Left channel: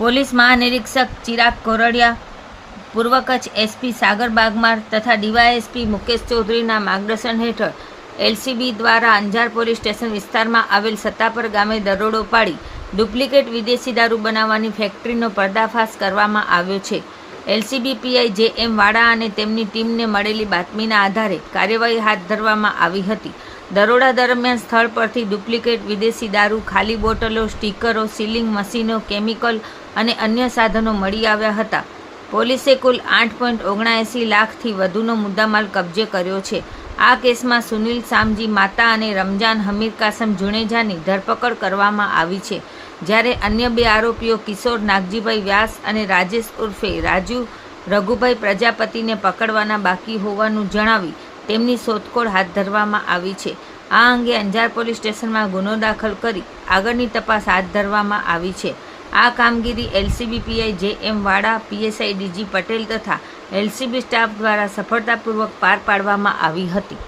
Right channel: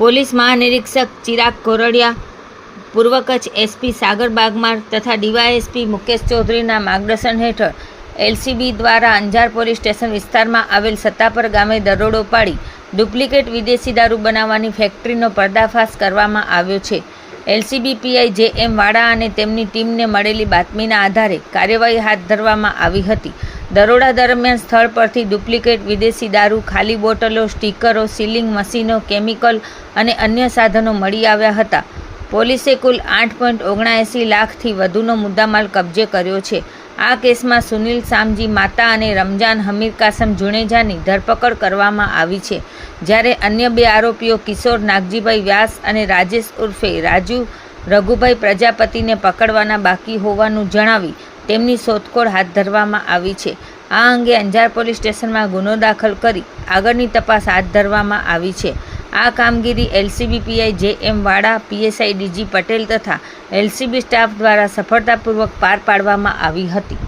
Police મહાનિરીક્ષક Chirag Kordia, પૂર્વ Kutch SP સાગર બાગમાર તથા DYSP Mukesh ચૌધરીના માર્ગદર્શન હેઠળ એલસીબી દ્વારા અંજાર પોલીસ સ્ટેશન વિસ્તારમાં આવેલ સત્તાપર ગામે દરોડો પાડી ડુપ્લિકેટ વિદેશી દારૂ બનાવવાની ફેક્ટરીનો પર્દાફાશ કરવામાં આવ્યો છે. LCB PI J M. વાડા અને તેમની ટીમને મળેલી બાતમીના આધારે કાર્યવાહી હાથ ધરવામાં આવી હતી. દરોડા દરમિયાન સ્થળ પરથી ડુપ્લિકેટ વિદેશી દારૂ, ખાલી બોટલો, સ્ટીકરો, સીલિંગ મશીનો, કેમિકલ અને અન્ય સાધનો મળી આવ્યા હતા. પોલીસે કુલ 8.79 લાખથી વધુનો મુદ્દામાલ કબજે કર્યો છે. આ કેસમાં સુનિલ સામજી માતા અને રમજાન હમીર કાસમ જુનેજાની ધરપકડ કરવામાં આવી છે, જ્યારે અન્ય 2 આરોપીઓ કિશોર નાગજીભાઈ વ્યાસ અને રાજેશ ઉર્ફે રાજુ રઘુભાઈ પ્રજાપતિને પકડવાના બાકી હોવાનું જણાવી તેમની શોધખોળ હાથ ધરવામાં આવી છે. આ અંગે અંજાર પોલીસ સ્ટેશનમાં ગુનો દાખલ કરી આગળની તપાસ હાથ ધરવામાં આવી છે. આ કામગીરી એલસીબી પીઆઈ જે.એમ. વાડા, પીએસઆઈ ડીજી પટેલ તથા એલસીબી સ્ટાફ દ્વારા સફળતાપૂર્વક પાર પાડવામાં આવી હતી.